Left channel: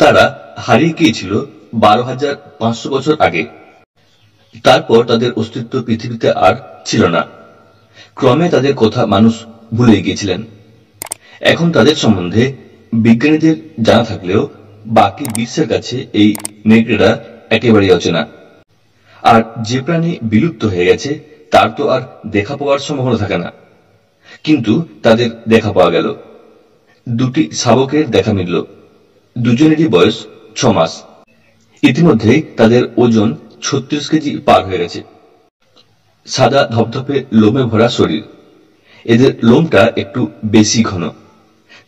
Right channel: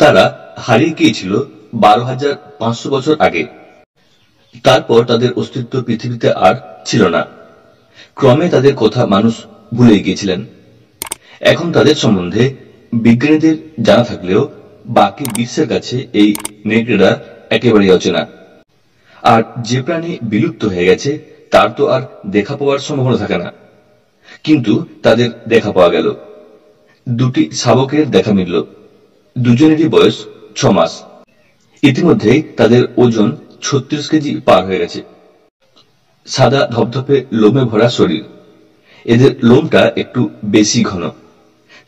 তারা হারিয়ে গিয়েছিল 12,500 বছর আগে। তারপর তাদের অস্তিত্ব পৃথিবীতে আর ছিল না। ক্রমে তাদের কথা মানুষ ভুলে গিয়েছিলেন। এখন তাদের সম্বন্ধে বিজ্ঞানীদের জানা থাকলেও বাকি বিশ্বের কাছে এই নেকড়েরা একেবারেই অচেনা। আর যে প্রাণী বিলুপ্ত হয়ে গেছে তার তো আর দেখা পাওয়ার সম্ভাবনা থাকে না, কিন্তু তাদের দেখা পাওয়া গেল। দুটি শাবকের দেখা মিলল। দুজনেরই বয়স 6 মাস। ইতিমধ্যেই তাদের ওজন 36 কেজি পার হয়ে গেছে। সাদা ধপধপে লোমে ভরা শরীর, এদের লোমটা একটু বেশি ঘন।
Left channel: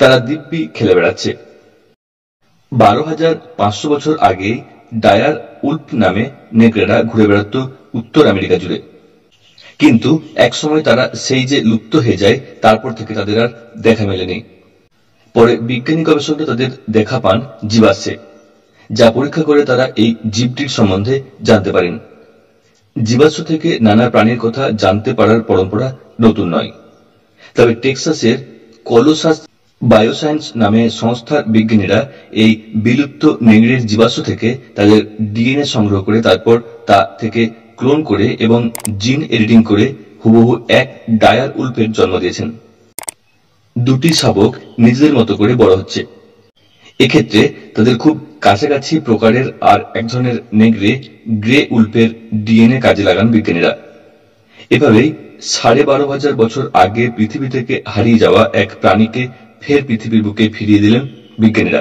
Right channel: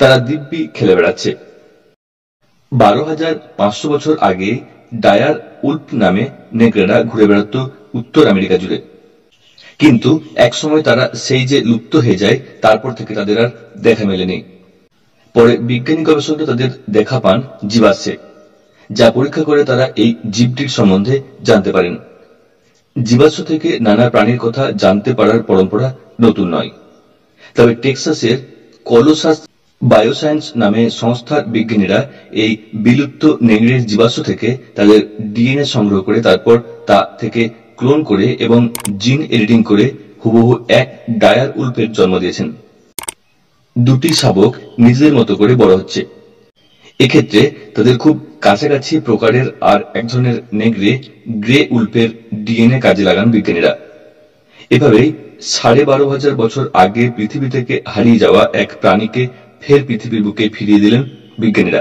তারা দিব্যি খেলে বেড়াচ্ছে। 12,500 বছর আগে ডায়ার উল্ফ নামে নেকড়েরা ঘুরে বেড়াত উত্তর আমেরিকা জুড়ে, কিন্তু একসময় তারা সেই যে লুপ্ত হয়ে যায়, তারপর থেকে তাদের আর দেখা মেলেনি। পরে বিজ্ঞানী গবেষকরা তাদের দেখা পান জীবাশ্মে, যা পরীক্ষা করে তারা এই জীবটির সম্বন্ধে জানতে পারেন। জীবাশ্ম থেকে নানা প্রাণীর কথা জানতে পারার পরম্পরা নতুন নয়। তবে টেক্সাসের কলোসাস বায়োসায়েন্স নামে সংস্থার বিজ্ঞানীরা এই বিলুপ্ত নেকড়ের জীবাশ্ম থেকে তাদের ডিএনএ সংগ্রহ করে তারপর তা থেকে ক্লোন করে এবং জিন এডিটিং করে হুবহু এক ডায়ার উল্ফের জন্ম দিয়েছেন। দুটি শাবক নিজেদের মতো করে বড় হচ্ছে। এক্ষেত্রে তাদের খুব কাছাকাছি প্রকারের আর এক ধরনের নেকড়ে গ্রে উল্ফের ডিএনএ কাজে লাগান বিজ্ঞানীরা। এভাবেই 12,500 বছর আগে পৃথিবী থেকে হারিয়ে যাওয়া এক প্রাণীকে ফের পৃথিবীর বুকে ফিরিয়ে দিলেন বিজ্ঞানীরা।